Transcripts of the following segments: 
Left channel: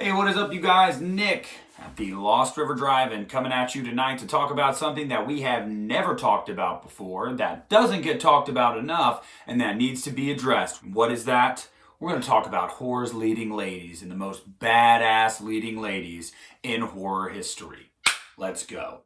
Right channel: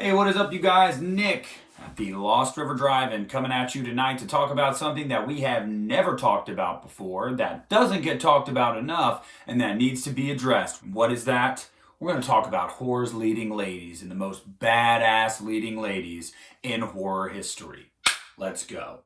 Hey, what is up, you guys? Nick at the Lost River Drive-In coming at you tonight to talk about something that we have never talked about before, that doesn't get talked about enough, and that needs to be addressed. What is that? We're going to talk about horror's leading ladies and the most badass leading ladies in horror history. Let's go.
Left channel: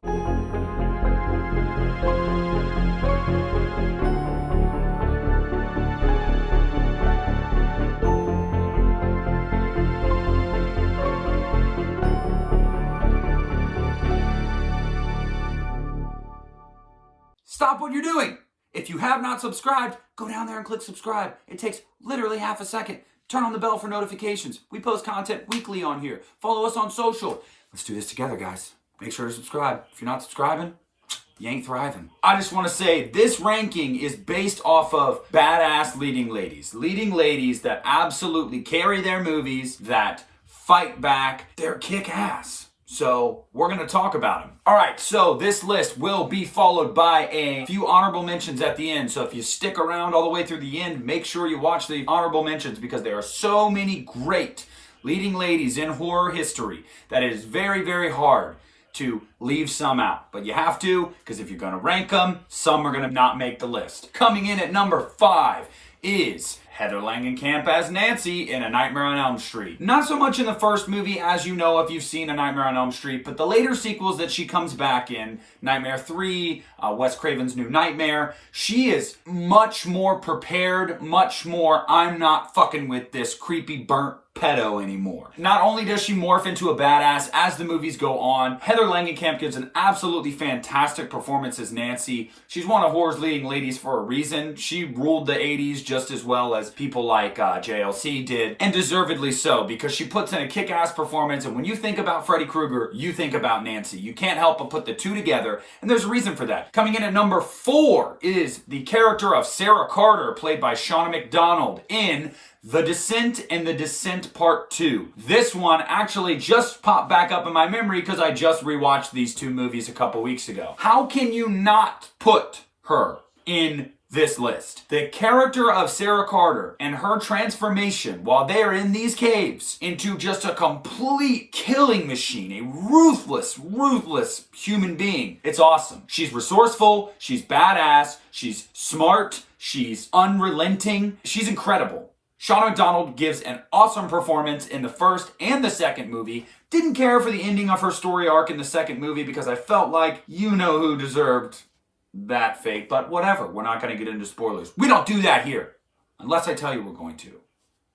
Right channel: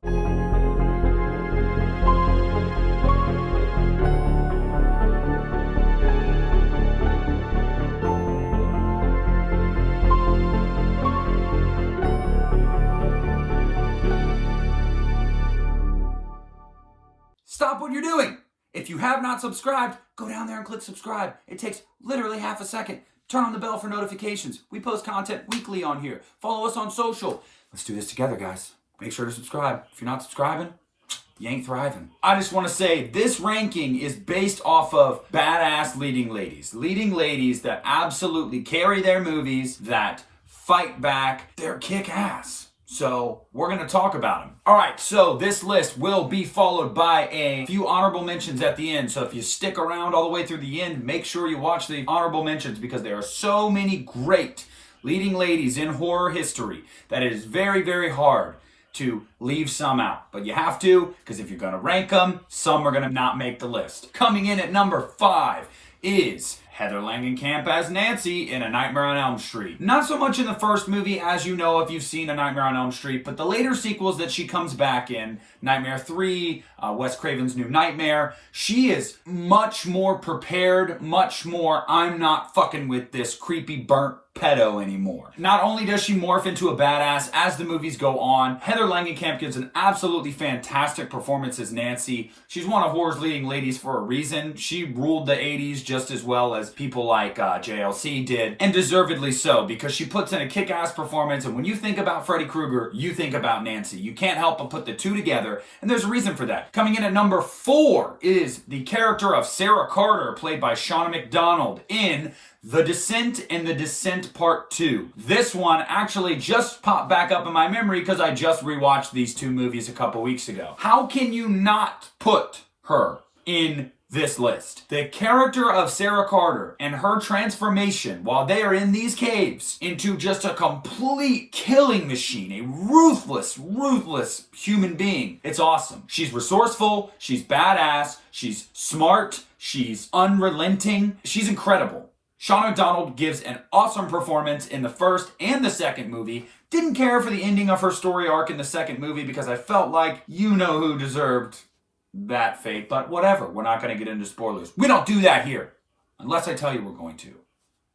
Stop what you're doing. If you have not subscribed, go down there and click subscribe. It takes literally half a second. Turn on the bell for notifications. We post content weekly on here. Follow us on social. Let's do this together, guys. Make sure to subscribe. If you're not subscribing, you ain't thriving. I just want to say this ranking is based off of badass leading ladies. Leading ladies that absolutely carry their movies, that fight back. They're kick ass. So we're going to talk about them. All right, so this list will be followed by a few honorable mentions at the end. So if you stick around all the way through the end, make sure you watch the honorable mentions because there are so many great leading ladies in horror history that it is very, very hard to leave some out. But you have to, because if you're going to rank them, some are going to not make the list. Coming in at number 5 is Heather Langenkamp as Nancy in A Nightmare on Elm Street. Not so much in the first movie, as you know if you've seen A Nightmare on Elm Street, but the later sequels that she comes back in, Nightmare 3, Wes Craven's New Nightmare, she is much more prepared, much more, I'm not fucking with this creepy burnt pedo anymore. Not only does she morph into a badass as the movies go on, Heather Langenkamp gives an absolutely fantastic performance as Nancy. She's one of horror's leading ladies for a reason. She ruled the 80s just as well as people like JLC did, and deservedly so, because she puts in a kick-ass performance, and when you think about Freddy Krueger, you think about Nancy. You can't help but put the two together, and there's a reason for that. Coming in at number 4 is the character of Sarah Carter, played by Shauna McDonald in The Descent and The Descent Part 2. This one actually just popped back up in my memory because I just rewatched these two movies a couple weeks ago. How can you not put her in this list? The character of Sarah Carter and her transformation while they are in these caves into just a complete killing machine, a ruthless human being. It's awesome. She's resourceful, she's badass, she's smart, she's unrelenting, she's incredible. Shauna McDonald gives an awesome performance in the first and the second movie. Didn't care for the ending of her story arc in the second movie because I felt like you know who deserved that fate, but whatever. We're not going to get into spoilers. We don't do that here. Unless I tell you we're going to.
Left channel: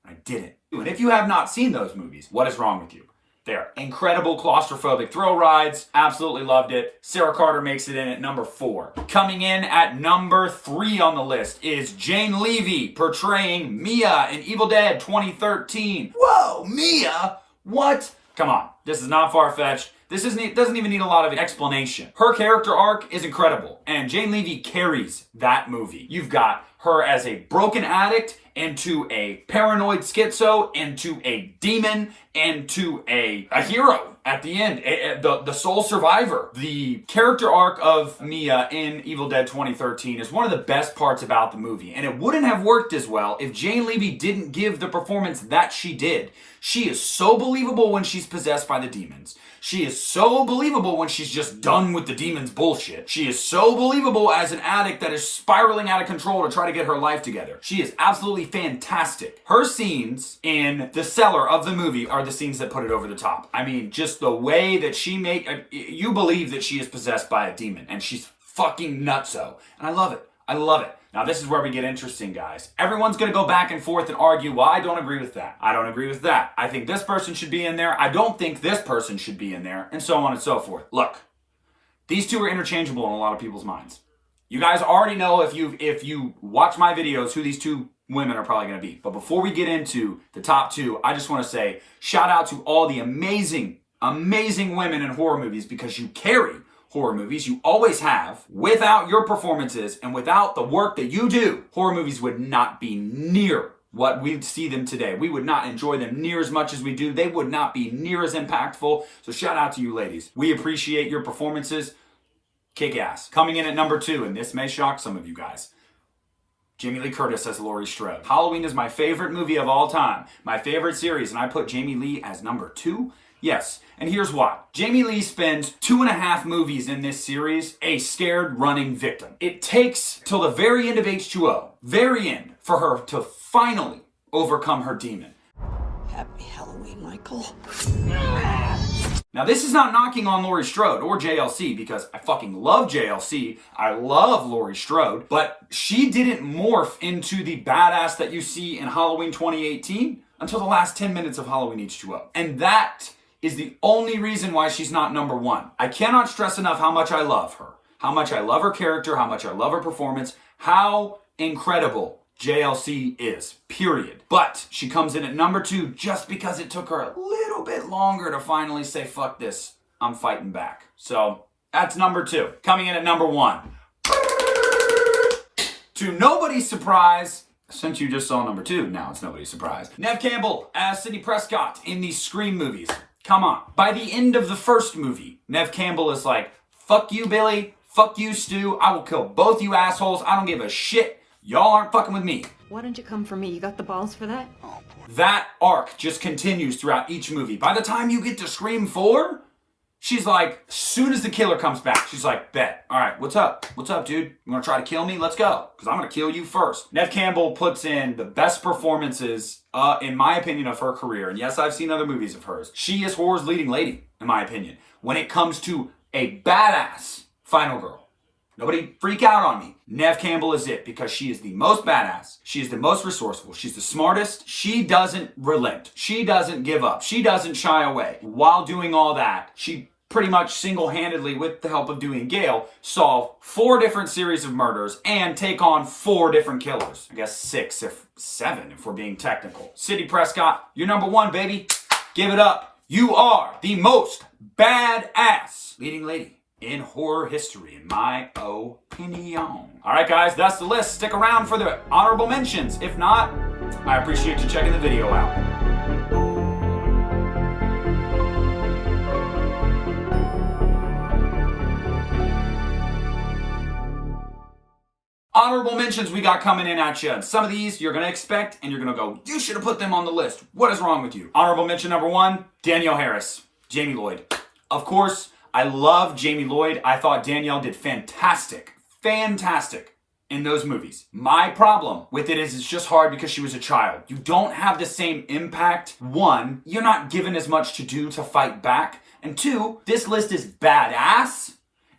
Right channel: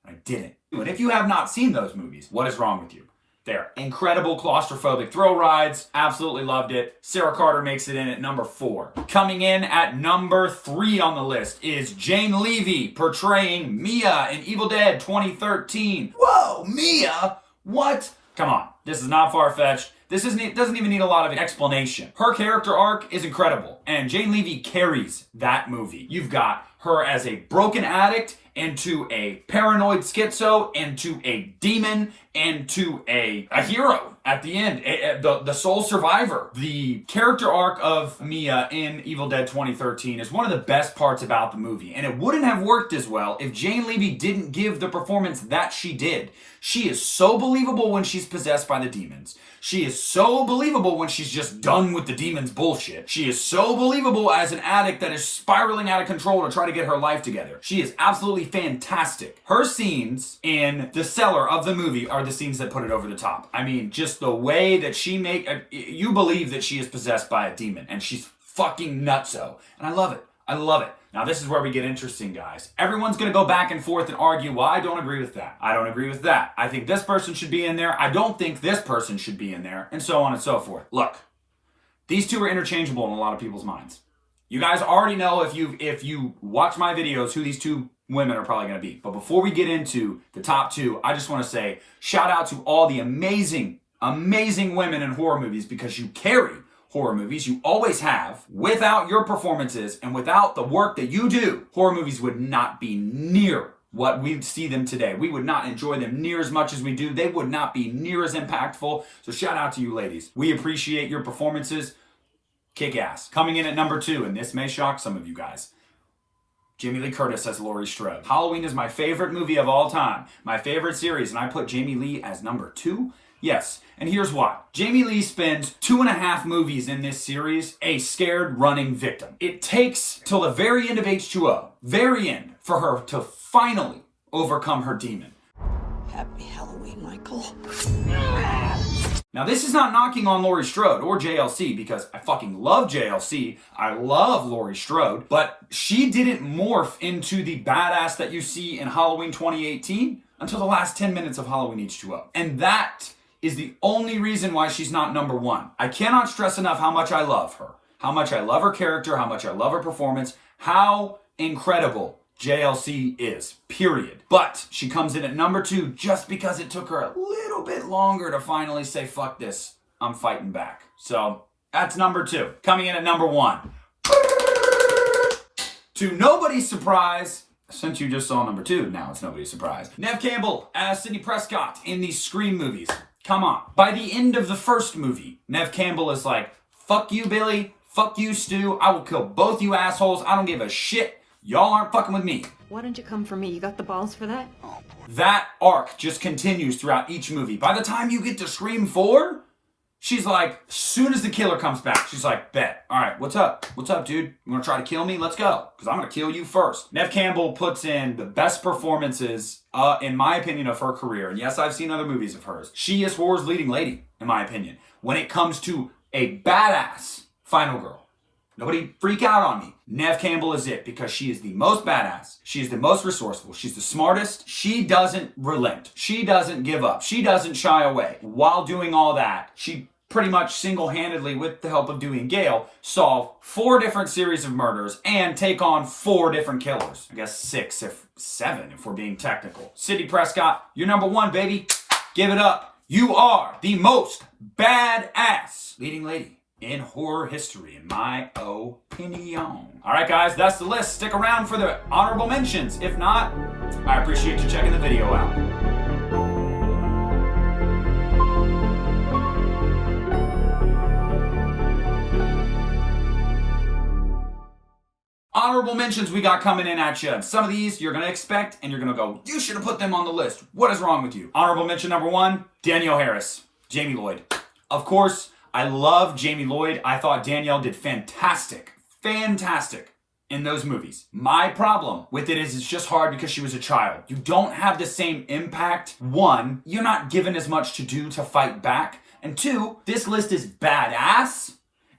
I didn't. And if you have not seen those movies, what is wrong with you? They're incredible claustrophobic thrill rides. Absolutely loved it. Sarah Carter makes it in at number 4. Coming in at number 3 on the list is Jane Levy portraying Mia in Evil Dead 2013. Whoa, Mia? What? Come on. This is not far-fetched. This doesn't even need a lot of explanation. Her character arc is incredible, and Jane Levy carries that movie. You've got her as a broken addict, into a paranoid schizo, into a demon, into a hero at the end, the sole survivor. The character arc of Mia in Evil Dead 2013 is one of the best parts about the movie, and it wouldn't have worked as well if Jane Levy didn't give the performance that she did. She is so believable when she's possessed by the demons. She is so believable when she's just done with the demons' bullshit. She is so believable as an addict that is spiraling out of control to try to get her life together. She is absolutely fantastic. Her scenes in the cellar of the movie are the scenes that put it over the top. I mean, just the way that you believe that she is possessed by a demon, and she's fucking nutso. And I love it. I love it. Now, this is where we get interesting, guys. Everyone's going to go back and forth and argue, well, I don't agree with that. I don't agree with that. I think this person should be in there. I don't think this person should be in there, and so on and so forth. Look, these two are interchangeable in a lot of people's minds. You guys already know if you watch my videos who these two women are probably going to be. But before we get into the top 2, I just want to say shout out to all the amazing women in horror movies because you carry horror movies. You always have. Without your performances and without the work that you do, horror movies would not be near what we see them today. We would not enjoy them near as much as we do. They would not be near as impactful. So shout out to you ladies. We appreciate your performances. Kick ass. Coming in at number 2, and this may shock some of you guys, Jamie Lee Curtis as Laurie Strode. Halloween is my favorite movie of all time, my favorite series, and I put Jamie Lee as number 2. Yes, and here's why. Jamie Lee spends 2.5 movies in this series a scared running victim. It takes till the very end of H2O, very end, for her to finally overcome her demon. Happy Halloween, Michael. Now, this is not knocking on Laurie Strode or JLC, because I fucking love JLC. I love Laurie Strode, but she didn't morph into the badass that you see in Halloween 2018 until the last 10 minutes of Halloween H2O. And that is the only reason why she's not number 1. I cannot stress enough how much I love her, how much I love her character, how much I love her performance, how incredible JLC is, period. But she comes in at number 2 just because it took her a little bit longer to finally say, fuck this, I'm fighting back. So that's number 2. Coming in at number 1. To nobody's surprise, since you just saw number 2, now it's nobody's surprise, Neve Campbell as Sidney Prescott in these Scream movies. Come on. By the end of the first movie, Neve Campbell is like, fuck you, Billy. Fuck you, Stu. I will kill both you assholes. I don't give a shit. Y'all aren't fucking with me. Why don't you come for me? You got the balls for that? That arc just continues throughout each movie. By the time you get to Scream 4, she's like, as soon as the killer comes back, she's like, bet. All right, what's up? What's up, dude? You want to try to kill me? Let's go. Because I'm going to kill you first. Neve Campbell puts in the best performances, in my opinion, of her career. And yes, I've seen other movies of hers. She is horror's leading lady, in my opinion, when it comes to a badass final girl. Nobody freak out on me. Neve Campbell is it, because she is the most badass. She is the most resourceful. She's the smartest. She doesn't relent. She doesn't give up. She doesn't shy away. While doing all that, she pretty much single-handedly, with the help of Dewey and Gale, solve 4 different series of murders and take on 4 different killers. I guess 6 if 7 if we're being technical. Sidney Prescott, you're number 1, baby. Give it up. You are the most badass leading lady in horror history, in my opinion. All right, guys, that's the list. Stick around for the honorable mentions. If not, I appreciate you checking the video out. Honorable mentions we got coming in at you. Some of these you're going to expect, and you're going to go, you should have put them on the list. What is wrong with you? Honorable mention number 1, Danielle Harris, Jamie Lloyd. Of course, I love Jamie Lloyd. I thought Danielle did fantastic in those movies. My problem with it is it's just hard because she was a child. You don't have the same impact. 1, you're not given as much to do to fight back. And 2, this list is badass.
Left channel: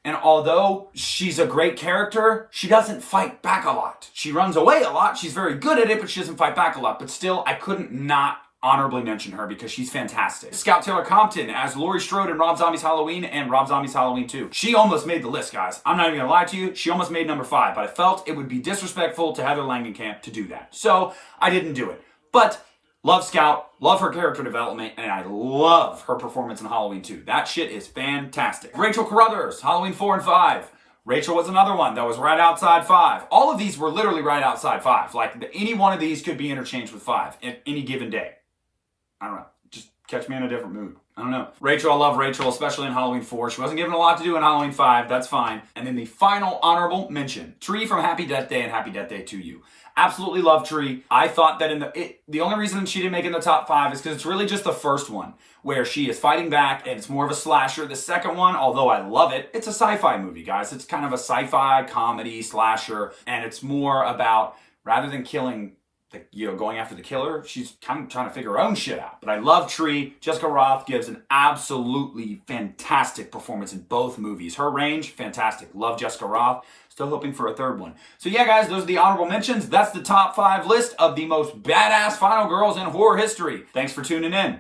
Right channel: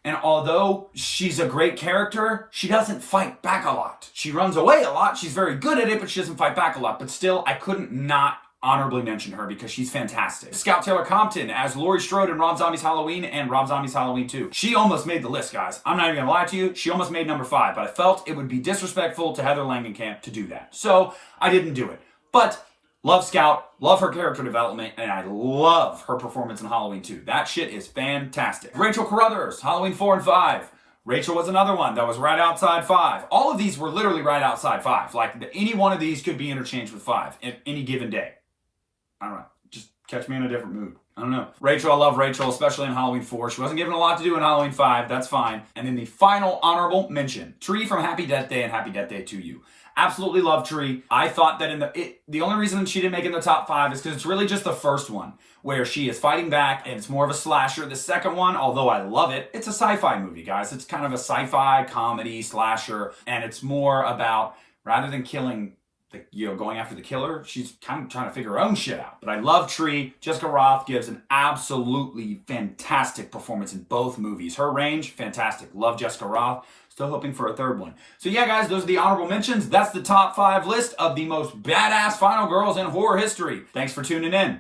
And although she's a great character, she doesn't fight back a lot. She runs away a lot. She's very good at it, but she doesn't fight back a lot. But still, I couldn't not honorably mention her because she's fantastic. Scout Taylor Compton as Laurie Strode in Rob Zombie's Halloween and Rob Zombie's Halloween 2. She almost made the list, guys. I'm not even gonna lie to you. She almost made number 5, but I felt it would be disrespectful to Heather Langenkamp to do that. So I didn't do it. But love Scout, love her character development, and I love her performance in Halloween 2. That shit is fantastic. Rachel Carruthers, Halloween 4 and 5. Rachel was another one that was right outside 5. All of these were literally right outside 5. Like, any one of these could be interchanged with 5 at any given day. I don't know. Just catch me in a different mood. I don't know. Rachel, I love Rachel, especially in Halloween 4. She wasn't given a lot to do in Halloween 5. That's fine. And then the final honorable mention, Tree from Happy Death Day and Happy Death Day to You. Absolutely love Tree. I thought that the only reason she didn't make it in the top 5 is because it's really just the first one where she is fighting back and it's more of a slasher. The second one, although I love it, it's a sci-fi movie, guys. It's kind of a sci-fi comedy slasher, and it's more about, rather than killing going after the killer, she's kind of trying to figure her own shit out. But I love Tree. Jessica Rothe gives an absolutely fantastic performance in both movies. Her range, fantastic. Love Jessica Rothe. Still hoping for a third one. So yeah, guys, those are the honorable mentions. That's the top 5 list of the most badass final girls in horror history. Thanks for tuning in.